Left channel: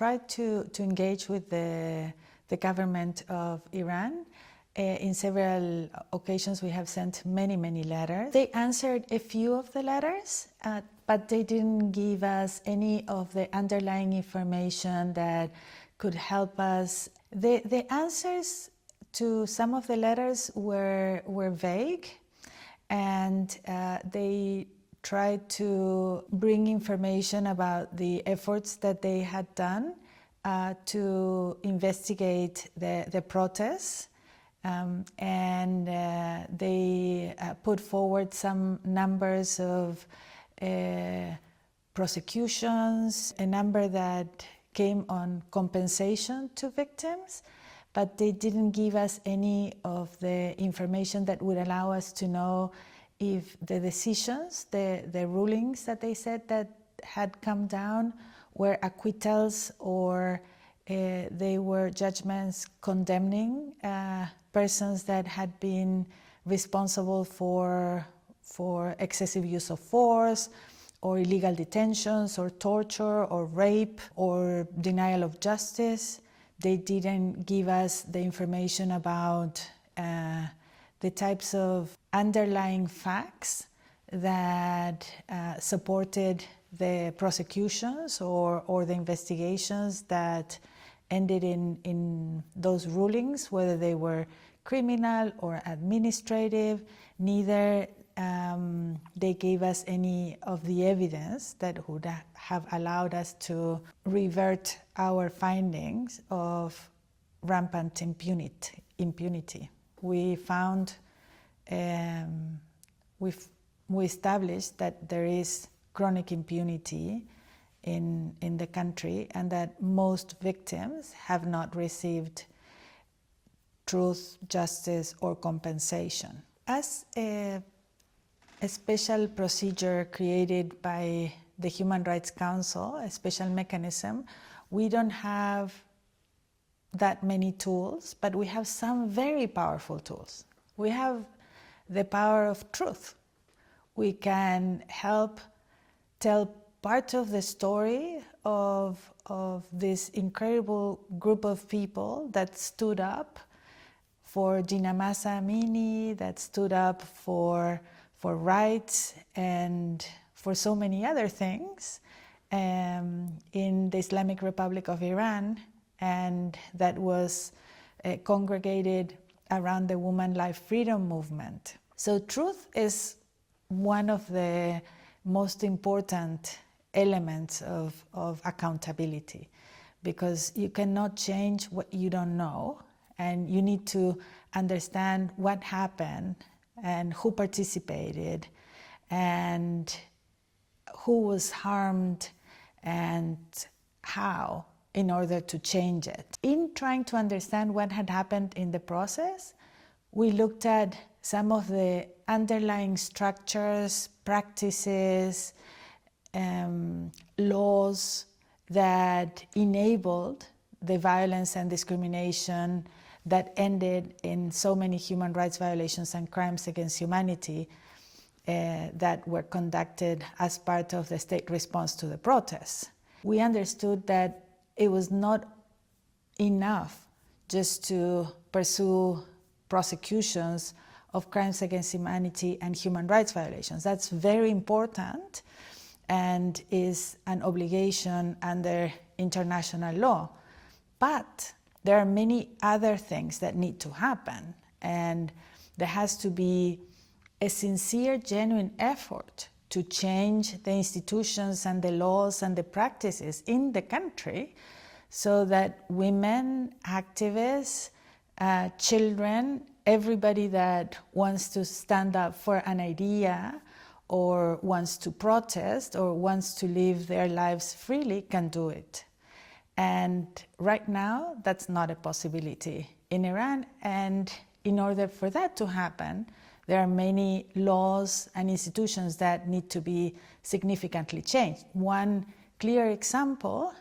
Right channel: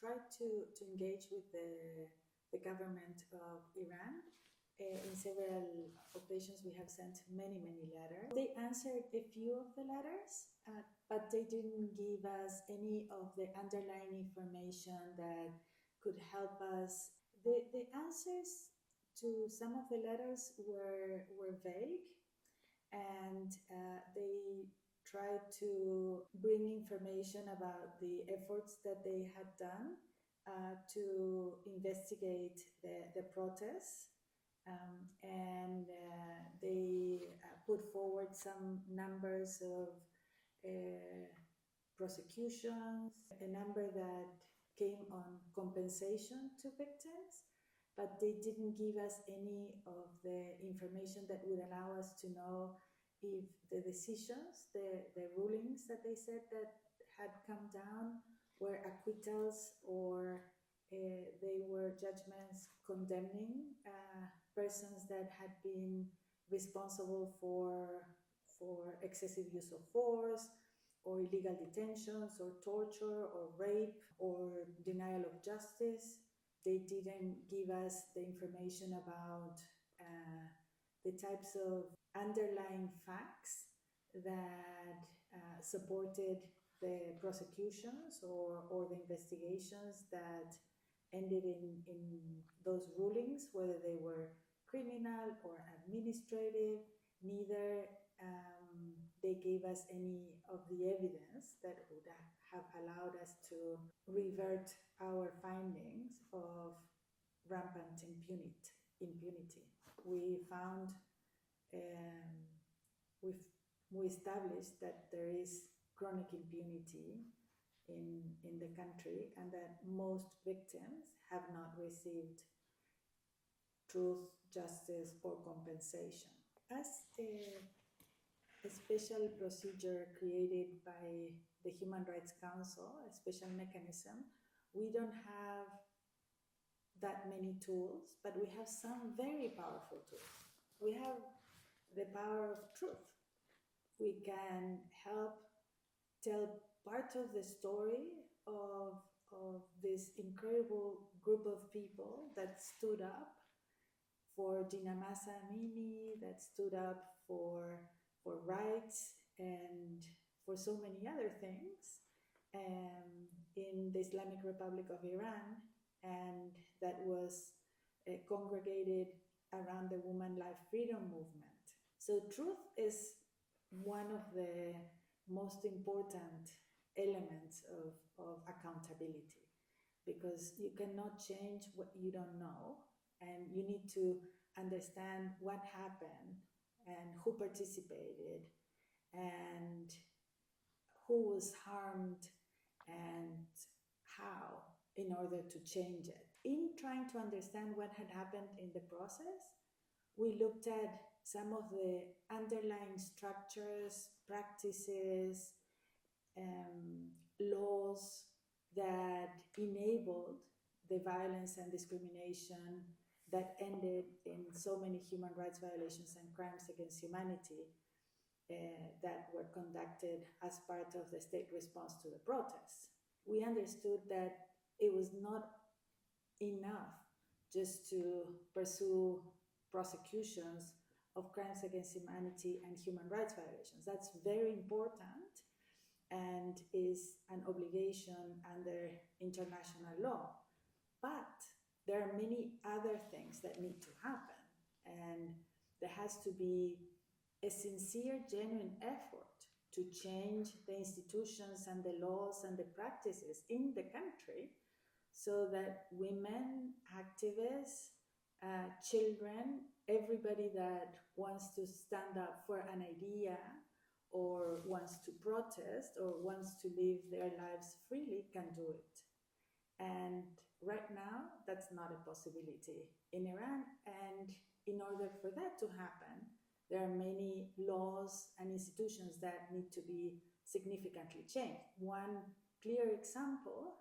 tried to engage with the government of Iran. In several occasions, we have sent many letters. They answered a few of the letters, but they didn't give us any of the underlying information that could help us. The answers to some of the letters were vague, and they tried to bring information about the efforts that they had done to investigate the protests. And they put forward some numbers of prosecutions, a number that came on compensation to victims, but they didn't give us any of the information that would allow us to know if the decisions, the rulings that they said that had come down were acquittals or they were judgments condemning persons that had been responsible for excessive use of force, or illegal detentions, or torture, or rape, or denial of justice. They didn't give us the information about the types of underlying facts that supported the prosecutions or the investigations that ended in those rulings, whether they were criminal or administrative. Neither they gave us any of the evidence that would have allowed us to revert our findings of rampant impunity. We found, we established that there is chronic impunity in the country, and that most victims have not received truth, justice, or compensation. As a special procedure created by the Human Rights Council, a special mechanism, we don't have that many tools, but we have some very powerful tools. We have the power of truth. We can help tell part of the story of this incredible group of people that stood up for Gina Mahsa Amini, that stood up for rights and for so many other things in the Islamic Republic of Iran, and that was congregated around the Woman Life Freedom movement. So truth is one of the most important elements of accountability, because you cannot change what you don't know, and you need to understand what happened and who participated and who was harmed and how, in order to change it. In trying to understand what had happened in the process, we looked at some of the underlying structures, practices, laws that enabled the violence and discrimination that ended in so many human rights violations and crimes against humanity that were conducted as part of the state response to the protests. We understood that it was not enough just to pursue prosecutions of crimes against humanity and human rights violations. That's very important and is an obligation under international law. But there are many other things that need to happen, and there has to be a sincere, genuine effort to change the institutions and the laws and the practices in the country so that women, activists, children, everybody that wants to stand up for an idea or wants to protest or wants to live their lives freely can do it. And right now, that's not a possibility in Iran. And in order for that to happen, there are many laws and institutions that need to be significantly changed. One clear example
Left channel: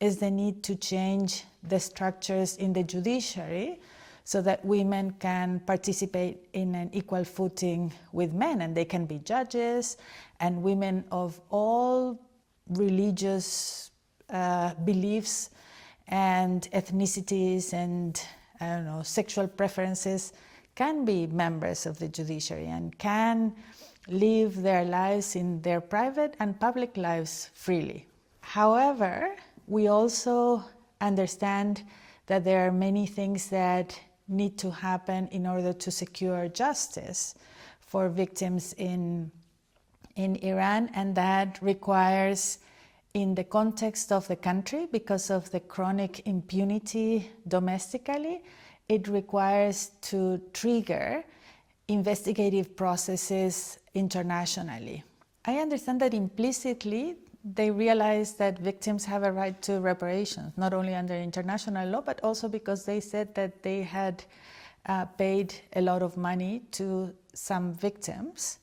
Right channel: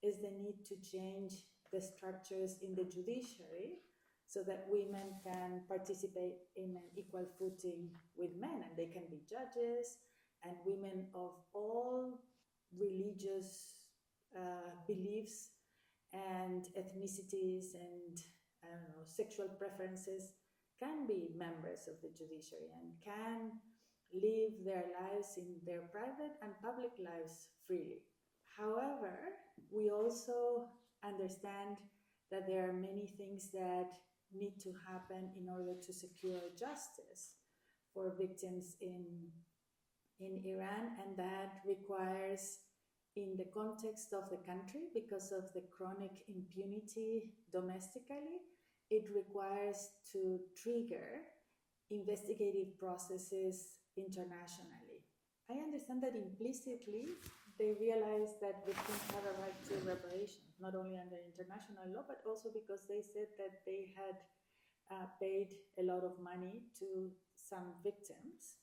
is the need to change the structures in the judiciary so that women can participate in an equal footing with men, and they can be judges, and women of all religious beliefs and ethnicities and, I don't know, sexual preferences can be members of the judiciary and can live their lives in their private and public lives freely. However, we also understand that there are many things that need to happen in order to secure justice for victims in Iran, and that requires, in the context of the country, because of the chronic impunity domestically, it requires to trigger investigative processes internationally. I understand that implicitly they realize that victims have a right to reparations, not only under international law, but also because they said that they had paid a lot of money to some victims.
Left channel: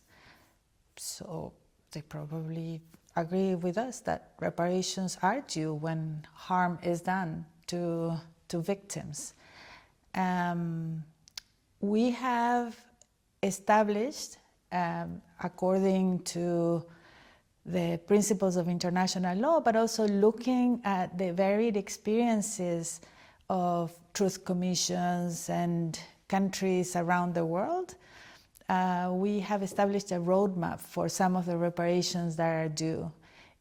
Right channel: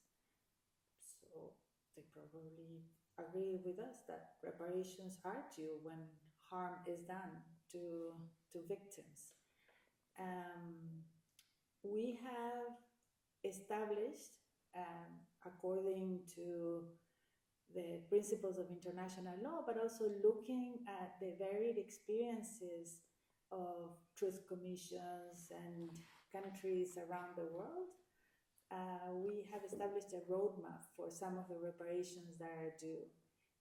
So they probably agree with us that reparations are due when harm is done to victims. We have established, according to the principles of international law, but also looking at the varied experiences of truth commissions and countries around the world, we have established a roadmap for some of the reparations that are due,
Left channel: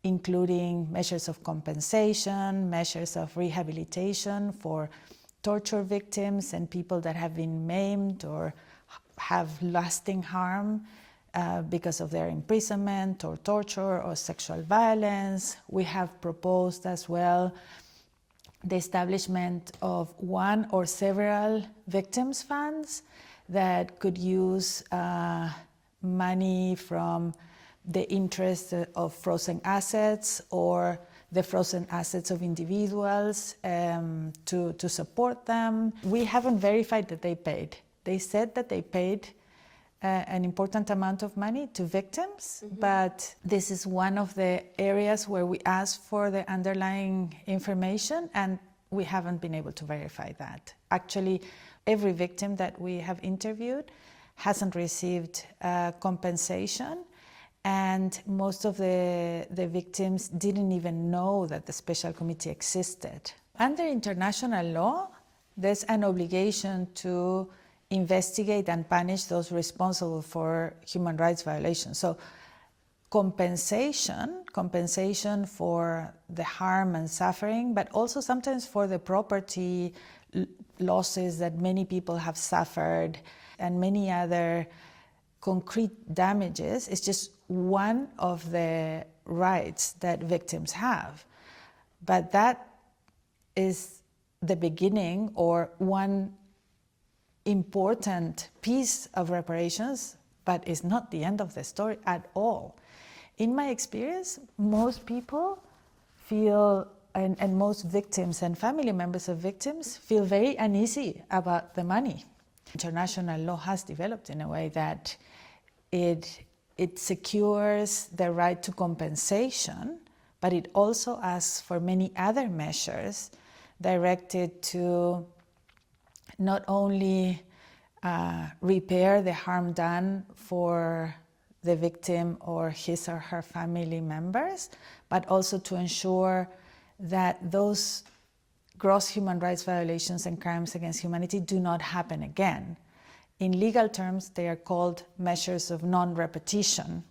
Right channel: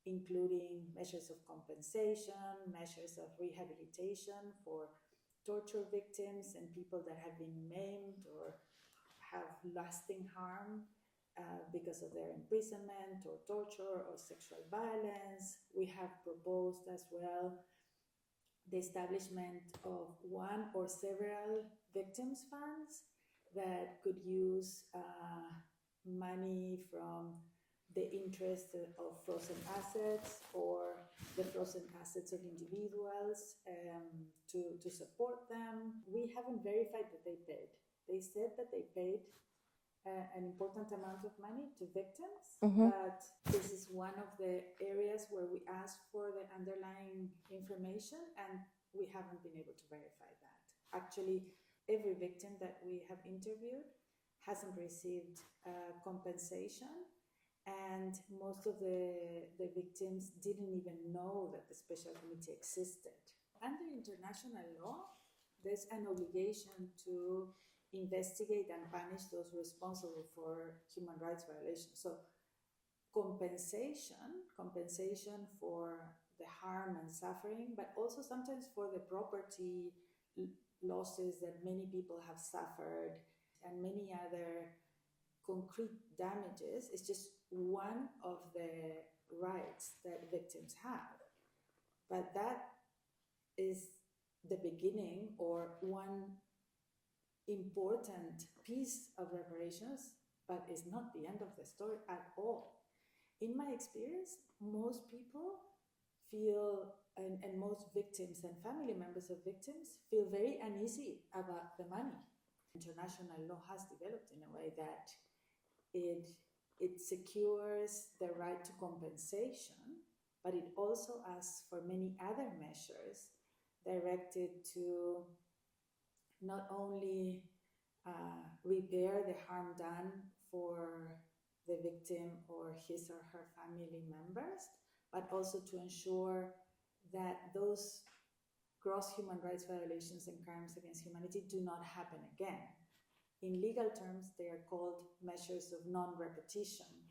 including measures of compensation, measures of rehabilitation for torture victims and people that have been maimed or have lasting harm because of their imprisonment or torture or sexual violence. We have proposed as well the establishment of one or several victims' funds that could use money from the interest of frozen assets or the frozen assets of individuals to support them. We haven't verified that they paid. They said that they paid an important amount of money to victims, but this is one of the areas where we asked for the underlying information, and we haven't been able to verify that. Actually, every victim that we have interviewed hasn't received compensation, and most of the victims didn't even know that the special committee existed. Under international law, there's an obligation to investigate and punish those responsible for human rights violations. So compensation for the harm and suffering, but also sometimes for the property losses that many people have suffered and many other concrete damages, is just one of the rights that victims have. But that is the beginning or one important piece of reparations, but it's not the end of the story at all. In my experience, most people feel, and most victims and family members of victims feel very uneasy about the money. International law has developed in a way that it secures the right to compensation, but it also asks for many other measures directed to not only repair the harm done for the victim or his or her family members, but also to ensure that those gross human rights violations and crimes against humanity do not happen again. In legal terms, they are called measures of non-repetition.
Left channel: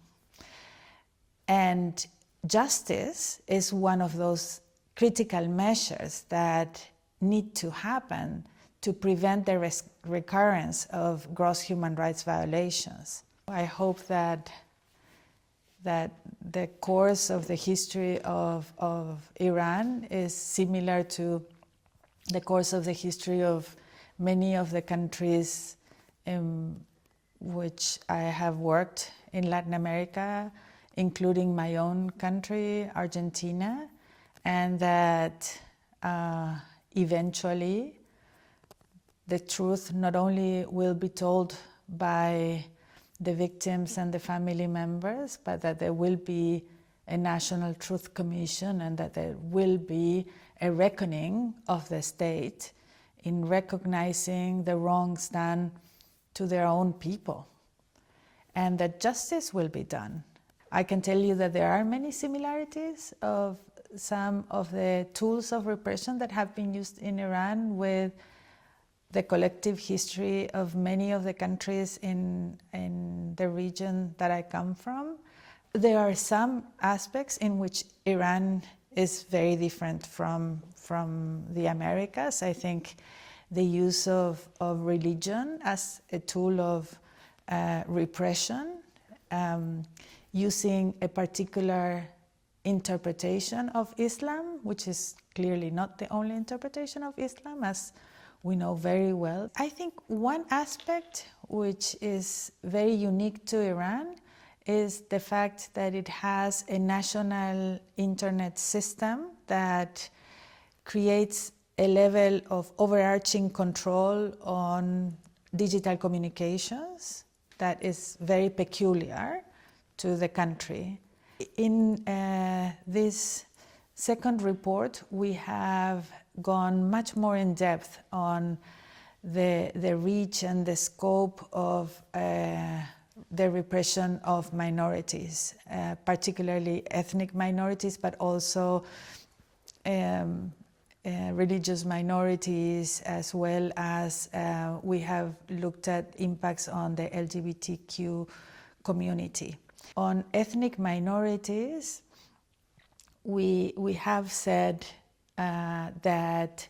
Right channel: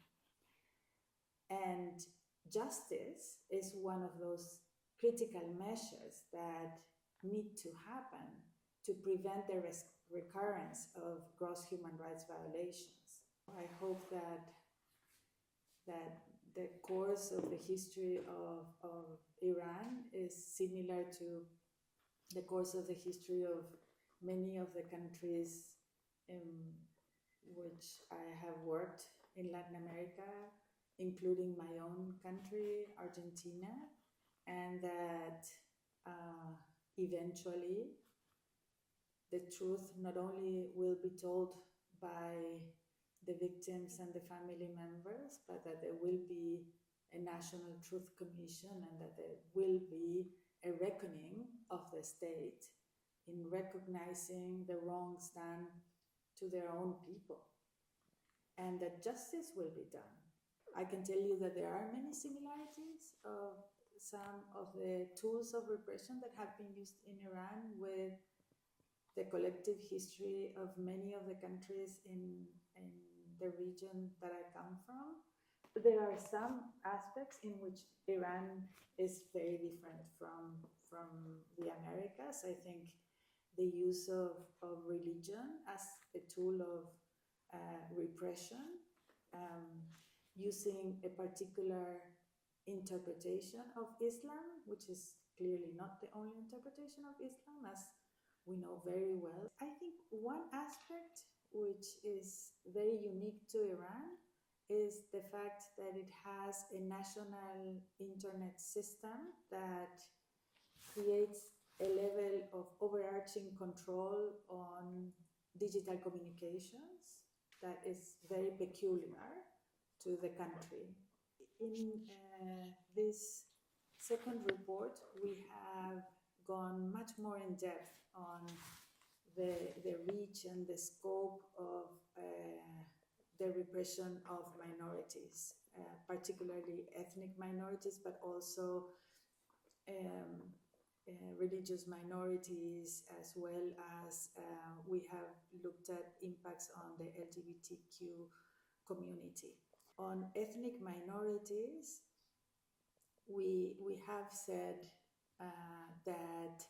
And justice is one of those critical measures that need to happen to prevent the recurrence of gross human rights violations. I hope that the course of the history of Iran is similar to the course of the history of many of the countries in which I have worked in Latin America, including my own country, Argentina, and that eventually the truth not only will be told by the victims and the family members, but that there will be a National Truth Commission and that there will be a reckoning of the state in recognizing the wrongs done to their own people, and that justice will be done. I can tell you that there are many similarities of some of the tools of repression that have been used in Iran with the collective history of many of the countries in the region that I come from. There are some aspects in which Iran is very different from the Americas. I think the use of religion as a tool of repression, using a particular interpretation of Islam, which is clearly not the only interpretation of Islam, as we know very well. I think one aspect which is very unique to Iran is the fact that it has a national internet system that creates a level of overarching control on digital communications that is very peculiar to the country. In this second report, we have gone much more in depth on the reach and the scope of the repression of minorities, particularly ethnic minorities, but also religious minorities, as well as we have looked at impacts on the LGBTQ community. On ethnic minorities, we have said that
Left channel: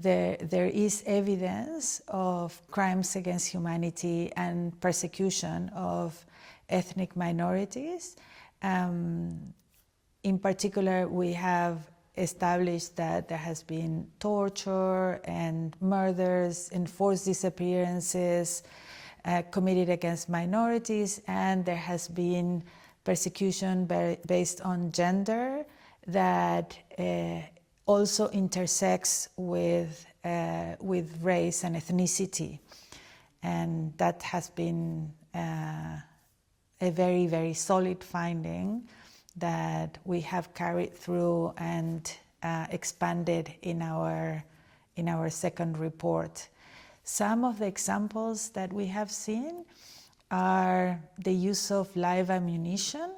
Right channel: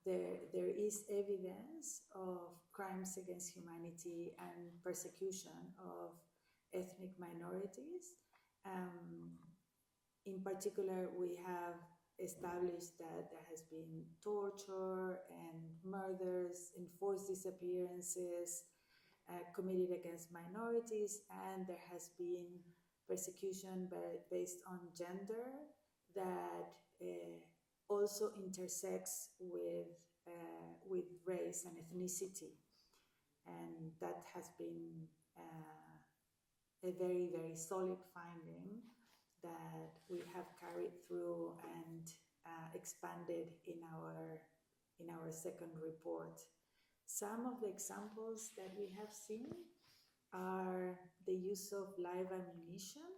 there is evidence of crimes against humanity and persecution of ethnic minorities. In particular, we have established that there has been torture and murders and forced disappearances committed against minorities, and there has been persecution based on gender that also intersects with race and ethnicity, and that has been a very, very solid finding that we have carried through and expanded in our second report. Some of the examples that we have seen are the use of live ammunition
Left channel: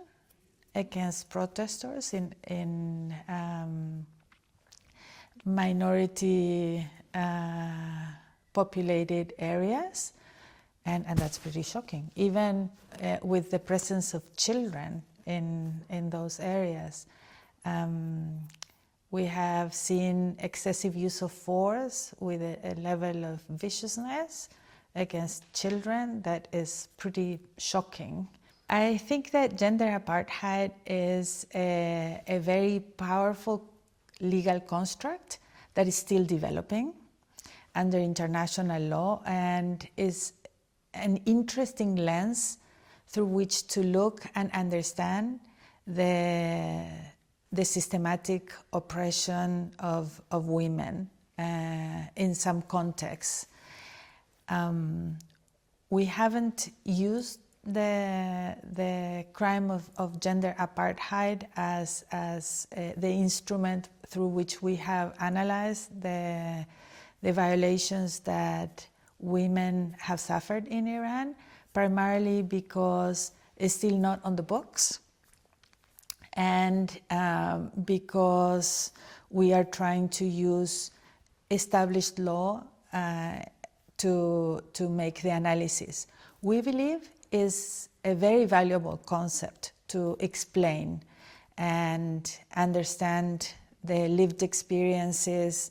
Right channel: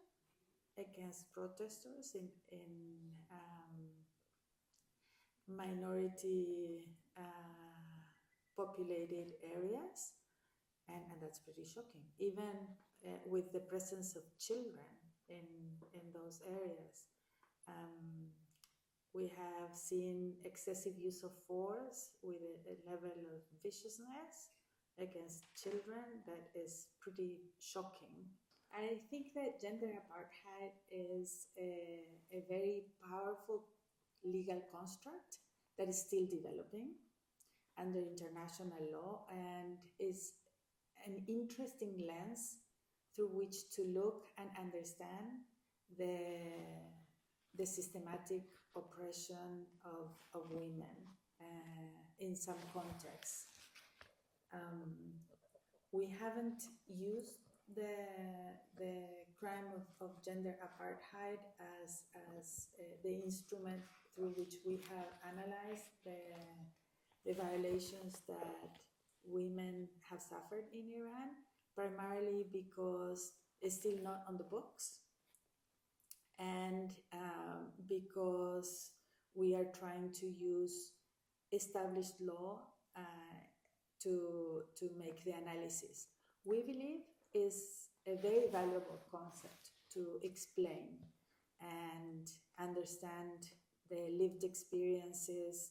against protesters in minority populated areas, and that's pretty shocking, even with the presence of children in those areas. We have seen excessive use of force with a level of viciousness against children that is pretty shocking. I think that gender apartheid is a very powerful legal construct that is still developing under international law, and is an interesting lens through which to look and understand the systematic oppression of women in some contexts. We haven't used the crime of gender apartheid as the instrument through which we have analyzed the violations that women have suffered in Iran, primarily because it's still not on the books, and because we are trying to use established law to make the analysis. We believe is a very valuable concept to explain and understand the lived experiences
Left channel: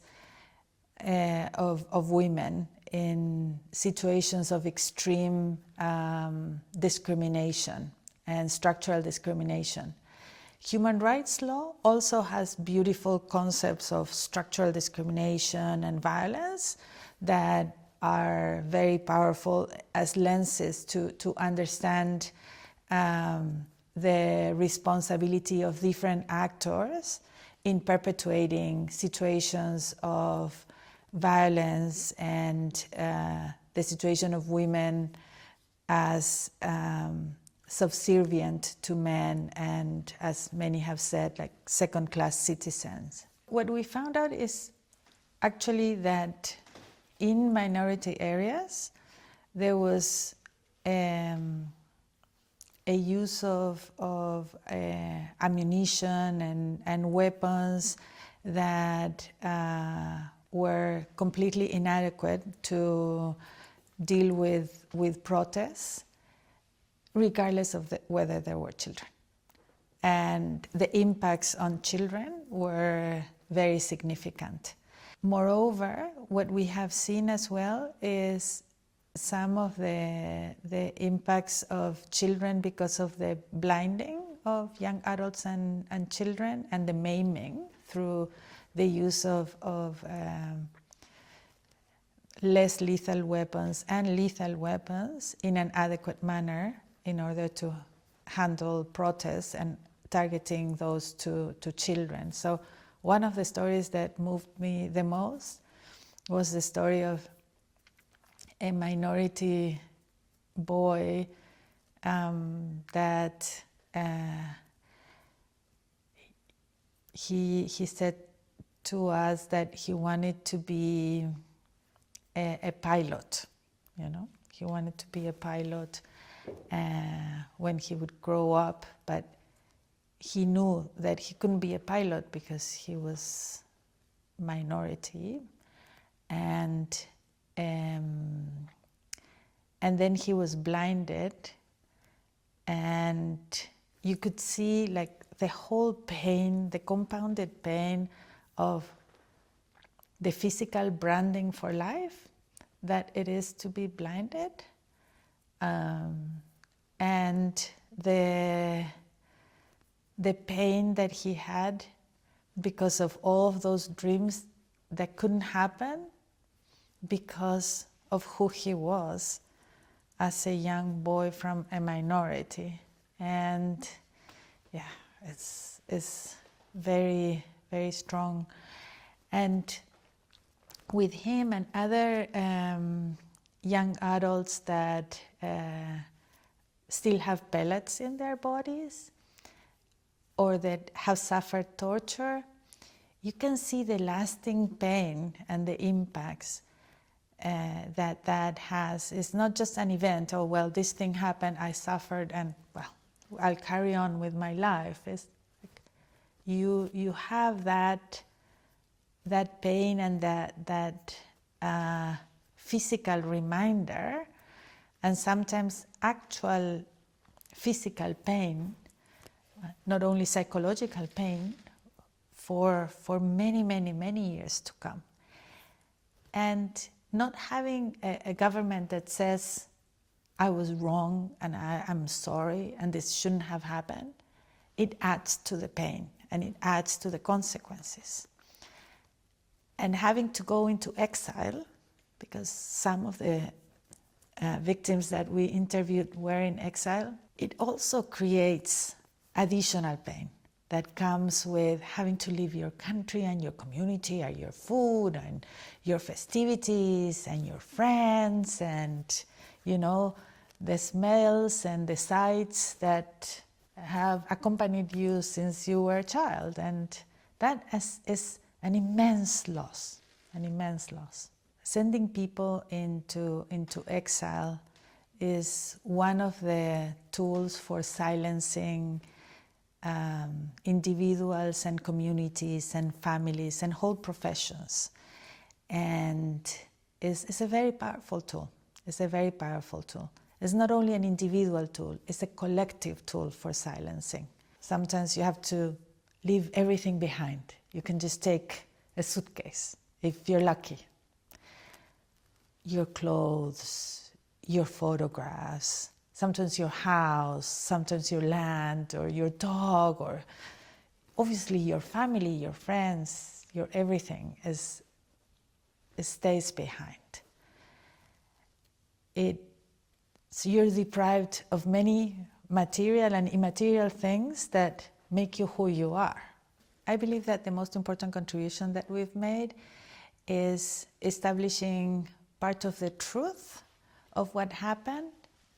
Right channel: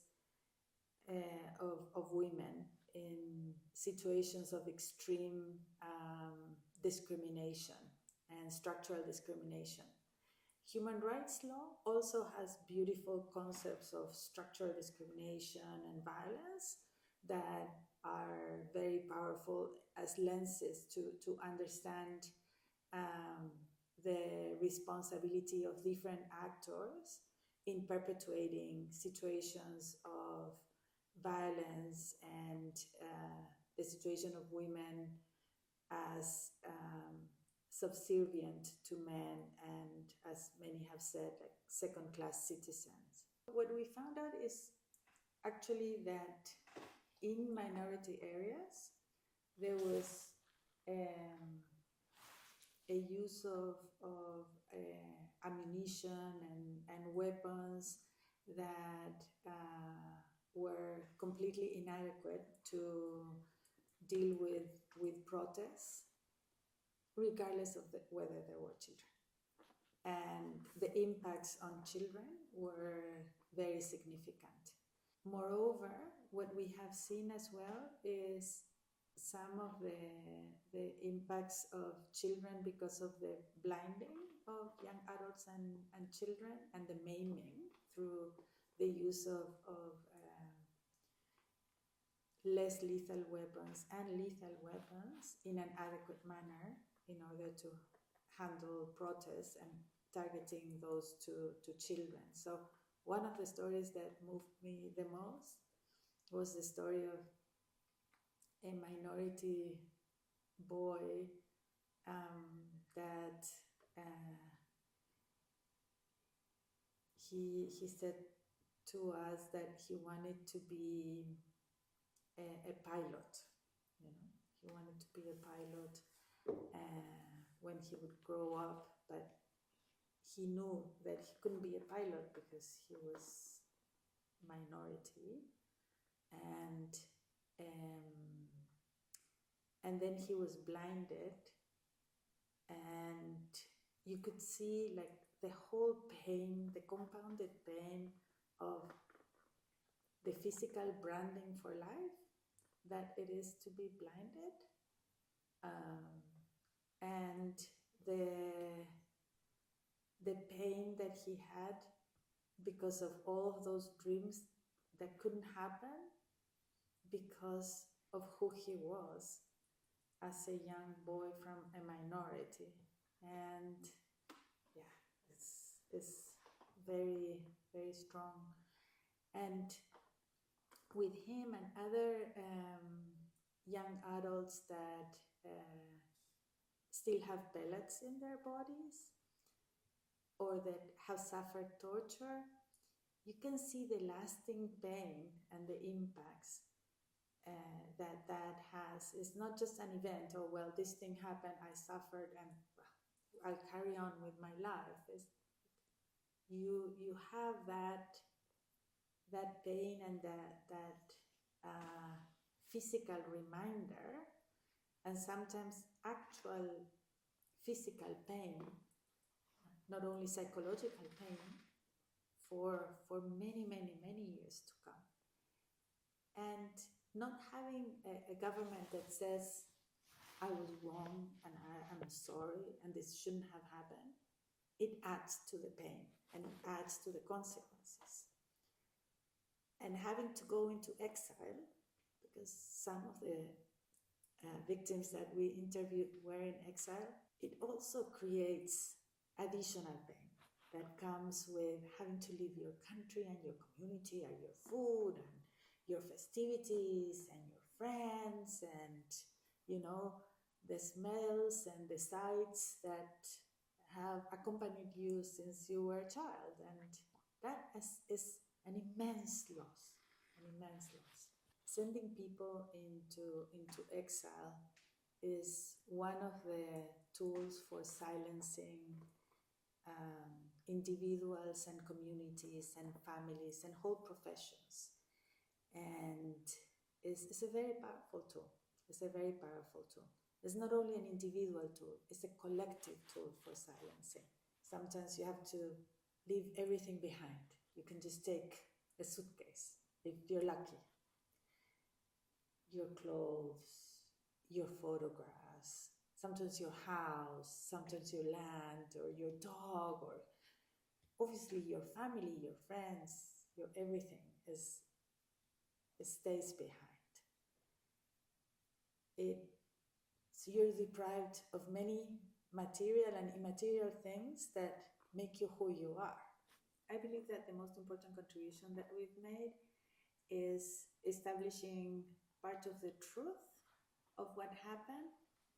of women in situations of extreme discrimination and structural discrimination. Human rights law also has beautiful concepts of structural discrimination and violence that are very powerful as lenses to understand the responsibility of different actors in perpetuating situations of violence and the situation of women as subservient to men, and, as many have said, like second-class citizens. What we found out is actually that in minority areas there was a a use of ammunition and weapons that were completely inadequate to deal with protests, regardless of whether there were children. And the impacts on children were very significant. Moreover, what we have seen as well is some of the impacts of children because of the blinding of young adults and children, and the maiming through the use of less lethal weapons and lethal weapons in an adequate manner in order to handle protests and targeting those to children. So one of the stories that moved me the most was the story of a minority boy that he said to us that he wanted to be a pilot, you know. He wanted to be a pilot when he would grow up, but he knew that he couldn't be a pilot because he was minority, and then he was blinded, and you could see like the whole pain, the compounded pain of the physical branding for life that it is to be blinded, and the pain that he had because of all of those dreams that couldn't happen because of who he was as a young boy from a minority. And yeah, it's very, very strong. And with him and other young adults that still have pellets in their bodies or that have suffered torture, you can see the lasting pain and the impacts that has. It's not just an event, oh, well, this thing happened, I suffered, and, well, I'll carry on with my life. It's like you have that pain and that physical reminder, and sometimes actual physical pain, not only psychological pain, for many, many, many years to come. And not having a government that says, I was wrong and I'm sorry and this shouldn't have happened, it adds to the pain and it adds to the consequences. And having to go into exile, because some of the victims that we interviewed were in exile, it also creates additional pain that comes with having to leave your country and your community and your food and your festivities and your friends and, you know, the smells and the sights that have accompanied you since you were a child. And that is an immense loss, an immense loss. Sending people into exile is one of the tools for silencing individuals and communities and families and whole professions. And it's a very powerful tool. It's a very powerful tool. It's not only an individual tool, it's a collective tool for silencing. Sometimes you have to leave everything behind. You can just take a suitcase, if you're lucky. Your clothes, your photographs, sometimes your house, sometimes your land or your dog, or obviously your family, your friends, your everything stays behind. So you're deprived of many material and immaterial things that make you who you are. I believe that the most important contribution that we've made is establishing part of the truth of what happened,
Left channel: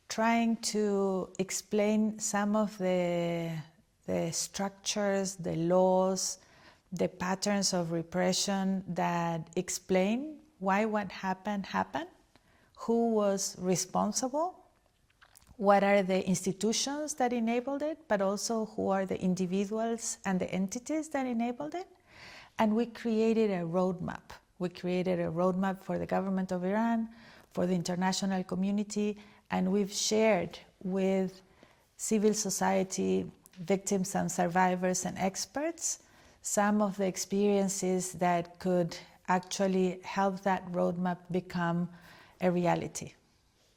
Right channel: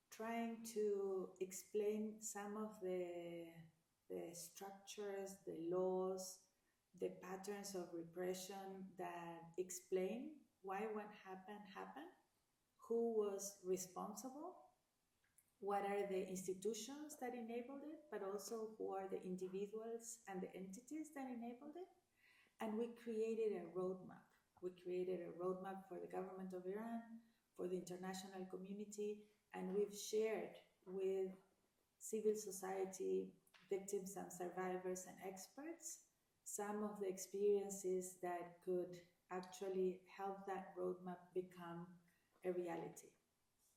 trying to explain some of the structures, the laws, the patterns of repression that explain why what happened, who was responsible, what are the institutions that enabled it, but also who are the individuals and the entities that enabled it. And we created a roadmap. We created a roadmap for the government of Iran, for the international community, and we've shared with civil society, victims and survivors and experts some of the experiences that could actually help that roadmap become a reality.